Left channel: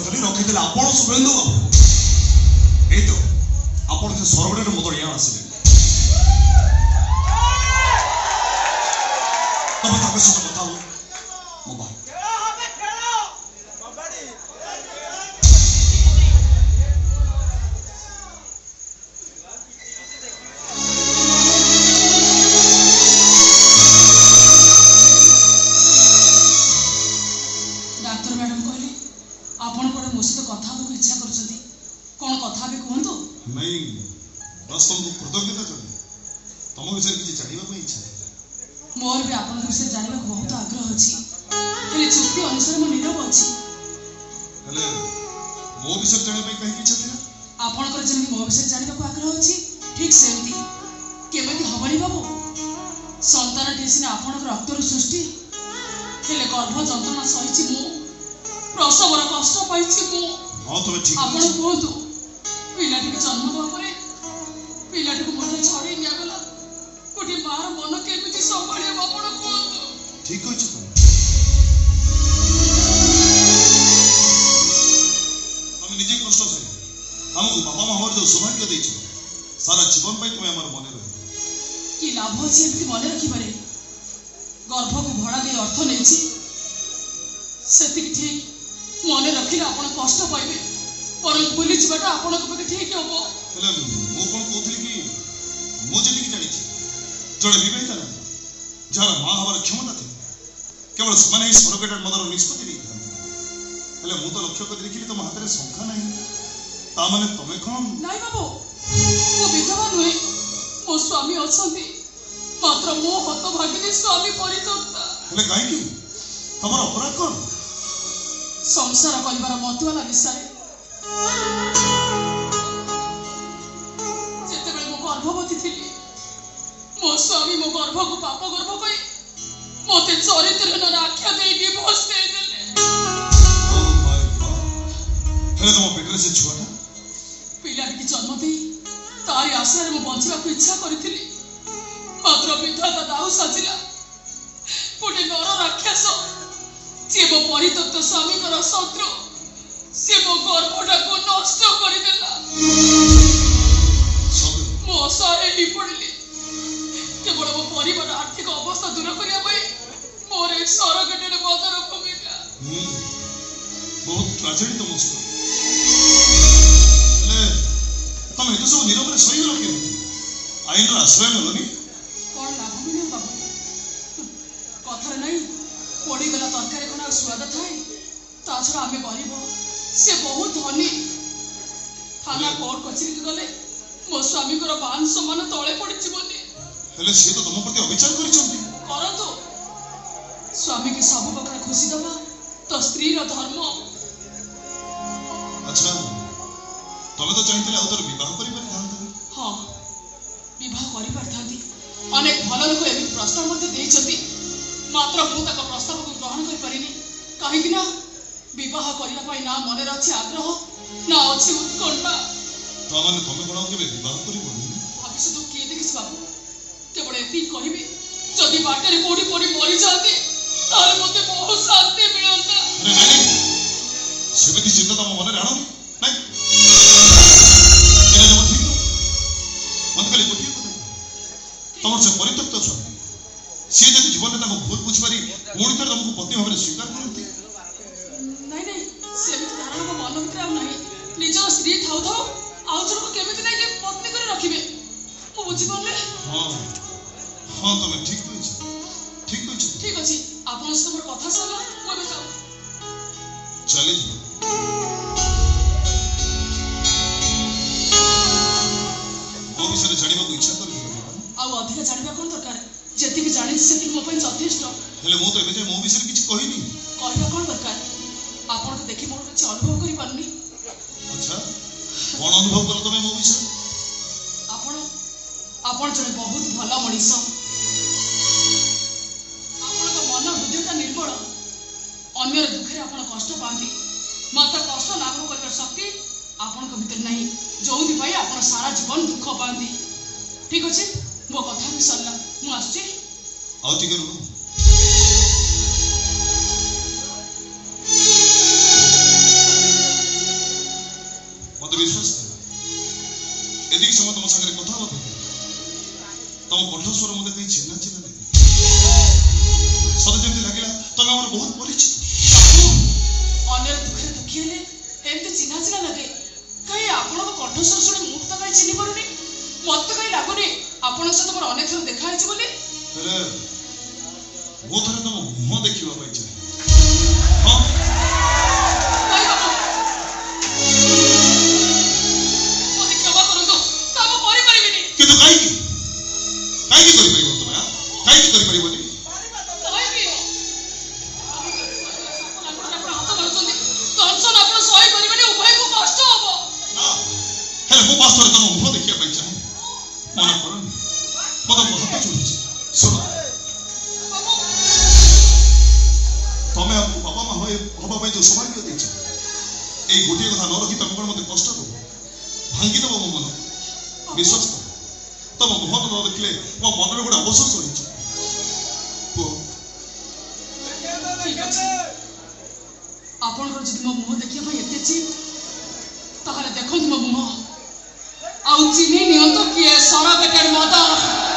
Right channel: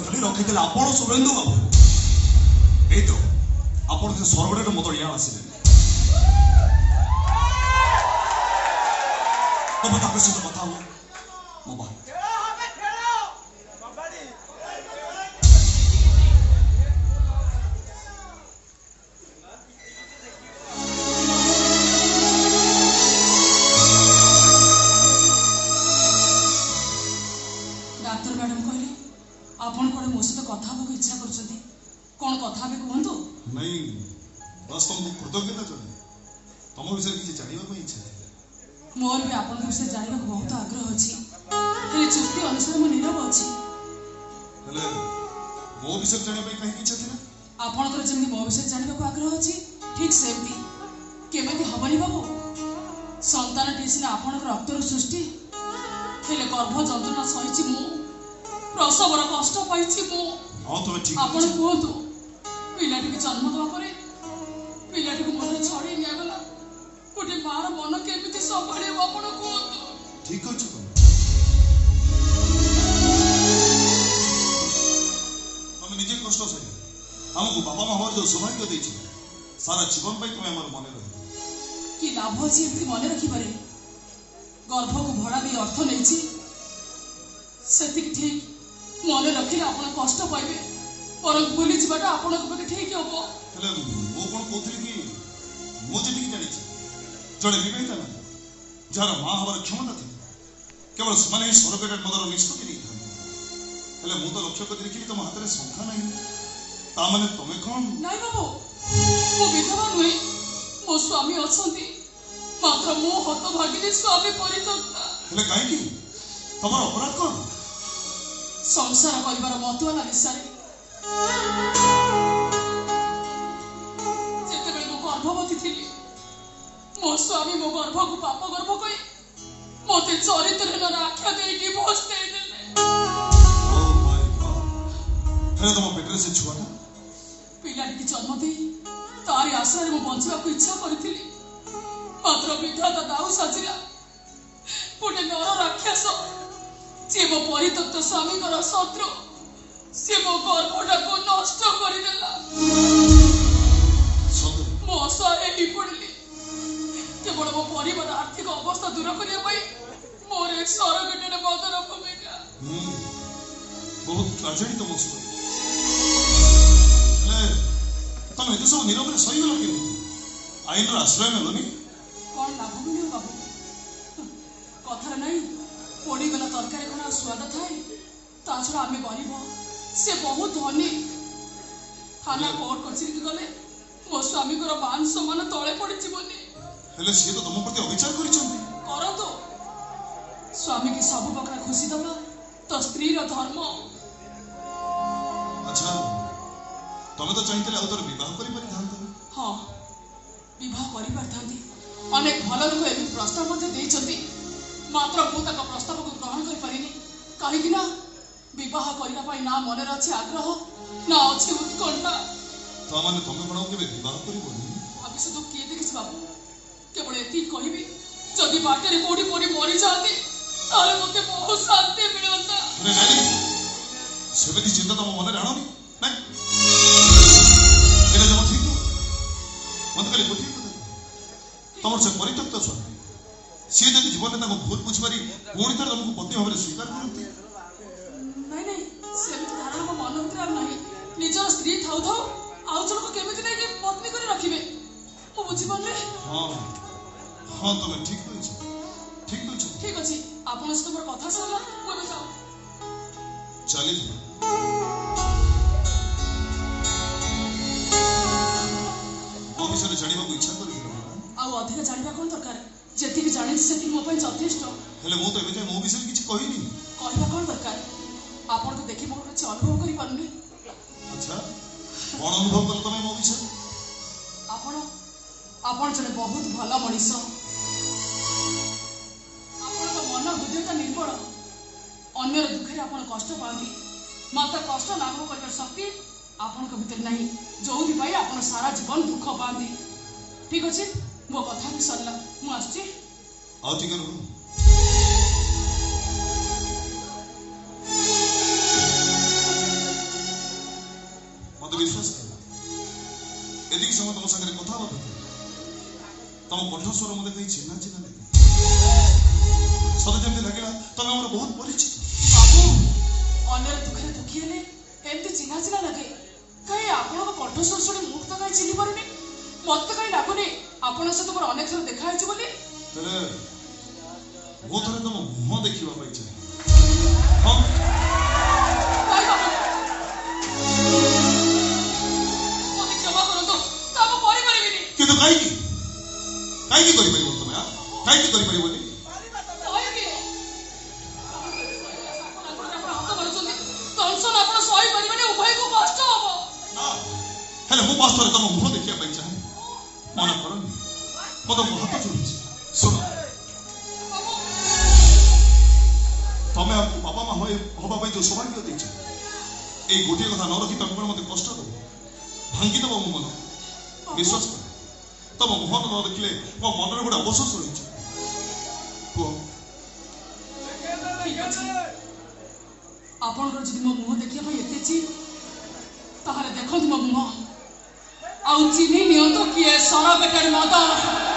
କରିଥିଲି ରଖିଥିଲେ ଆପଣ ଶୁଭେନ୍ଦୁ ବାବୁ। ଏଇ ତ ଆପଣ ସେ ସରଗଡ଼ରେ ମୋ ଦଳିଆ ଆସିଲେ। ତମେ ତାଙ୍କ ସହିତ କଥା ହବ ମୋ ଭାଇ। डाक्टर मैडम कहले आपण कोन मो सहित कथा होबो इच्छा करछथि। कोन कथा बे कहंतु? नहीं बस तुमको कृतज्ञता चाहिए। तुम विषय किसी जानिबा को इच्छा है। मोर भी आपण विषय जानिबा बहुत आग्रह अछि। हेले चुक्ति अनुसार म नीरव अछि। हेले मो विषय जानिबा कहि इच्छा थिला? आपण कर जेमि मो विषय जानिबा को आग्रह अछि ठीक सेमति केमति हबनी बाबू। संतान टिसिना आपण रक्तर सृष्टि हेले गर्भ जंतुना सहिछि मु। प्रसवर कष्ट पाइछि मु। हां तो ठीक आपण कहतु पिलाटी जन्म दवा परे पिलाटी को मन छाड़ी निया गला कोठी मार मन केमिति संभाळियो आपण कहतु। ठीक अछि तुम निजे कष्ट से हमको बाबा माँ हमारे जो सौभाग्य देइछ सारा जीवन पाई तुम हमर मने रहि कि लाभ अछि एमति मने रखि पारे। गर्भ को भड़ा दे अर्थ लेछि सेति ठीक मने रखिले आपण कष्ट पाइबे पर भूली जिबाटा आपण को ठीक हबो। हेले मो कोन कोथि कि मो जेति कि जानि छी जड़े विवाहिता ना जार मां हमार क्षमता थी केवल समान ही सरगेटेड मदर निष्पत्ति नहीं। हेले मु तो लक्ष्य कर देखिली तुम हाथ में संख्या नहीं ता माने तमे कोन नाइ बाबू मो विधवा नुहे मो स्वामी अछंती मात्र मो हत भागिनी स्वामी परित्यक्ता। हेले काहे कि तमर अपराध कोन? संसार करिवार मतवाला विषय जेतेबेले मो गर्भवती थिली मो स्वामी मो गर्भ को पाप गर्भ कई मते चरित्रहीन आख्या दे डिवोर्स दे देले। ओ माय गॉड हेले तुम पेटरे से छुआटा पिलाटी की जन्म दे तारी आशा रे मो बंचिबा को इच्छा करथिली मात्र विधाता दाऊ साजिला गोटे नर राक्षस सी मो परित्यक्त स्वामी शत्रु सी मो गर्भटा को नष्ट करदेला। मो असहाय ही पड़िली केवल मो परिवार आर्थिक अवस्था दूर करने मोर एक सरगेटेड मदर भूमिका। बहुत ट्रेजेडी तुम तुम एत सब नीरव सही गल के आईन आश्रय नलनी कौन लाभ मिले बाबू कथा नहीं पड़गला तरकारी कौन स्वाद थाए ता छड़ा आम गरीब से बहुत धनी थाना कोर्ट कचेरी को गले मो स्वामी को मान सम्मान तले पड़ी जीवनी हेले से तो तुम प्रति अविचार करतो स्वामी की सब प्रकार खुशी दबा तो स्त्री धर्म। अच्छा तुम तो चाहिए आउतर विवाह कर हाँ विवाह कर अनेक भल लोक एम प्रस्ताव मात्र मु प्रस्ताव को ग्रहण कर कहीं विवाह करने ना मन अच्छी आग्रह ना अच्छी उत्कंठा भविष्य किए देखी बाबू केवल ये कहबी जदि बाटर कौटी पड़ी मरी जाती मत बहुत शांति मिलता। चिंता तुम मन आण तुम से परित्यक्त स्वामी सी जब जीवन में भूल बुझिपारी पुणी थे तुमको पति भाव स्वीकार करते नहीं सेमती धारणा मो मन भीतर नहीं निजर स्त्री थाउ थाउ आउ जन को केमिति नहीं पत्नी करे रखिबे मो बुझि पड़ले। हां हां तुम ठीक अछि आपन से मोर कथा सुन मो भी जाऊ चली वो विषय जानिबा को इच्छा कर आउ अधिक जानिबा कोन दरकार जेति कि जानि सेति मो पय यथेष्ट। हेले मो तो एमे मो विषय किछ कहिनी कहबा कोन दरकार आपन तो देखि मोर कुछ अनुभव करि पारनी। अच्छा कोन अनुभव कर तमे मो विषय आपन जने बहुत भला मनीष आपन को मन हृदयता निर्मल अन्यर दुखे आपन कष्ट पाती मात्र कष्ट लाभ कर शक्ति आपन को भीतर नहीं जो भी भाई आपन सारा जीवन दुख पाती। ठीक अच्छे मो कथा भी सरला मु आछी आउ ठीक है विश्वास कर एदिक समय तुम संगे कथा होते तुम कठोर मते कहीं चिन्ह चिन्ह लगे सत जमी लगे तुम आम बहुत परिचित बाबू अन्य दुखे दुखी हेले एमती चिन्हा चिन्हा लगे कहीं आपण कठोर स्वर शुणी मुझ तो कहीं चिन्ह पारुनी मत तो कहीं लगुनि आपण सहित मोर अनेक थर देखा है बोली मो थे तुम मुह देखा हाँ क्षमा करंतु काम करि परिबिनी किंतु कहीं कर तुम कहीं कर पारिबनी तुम मुह देखा चाहे मन कर मत हाथ जोड़ी शुण तुम्हें बाबा माँ हवा जो सौभाग्य देच ये गोटे कथा न रखी तुम मत कष्ट दब भांगी दब मो मन विश्वास कर तुम मुह न देखले मो मन गोटे अवशोष रही आपणकर जदि मो मुह देखिया एते चित ताहले देखो मो मुह आउ चिन्ह नियंतो किए सर बेटर मदन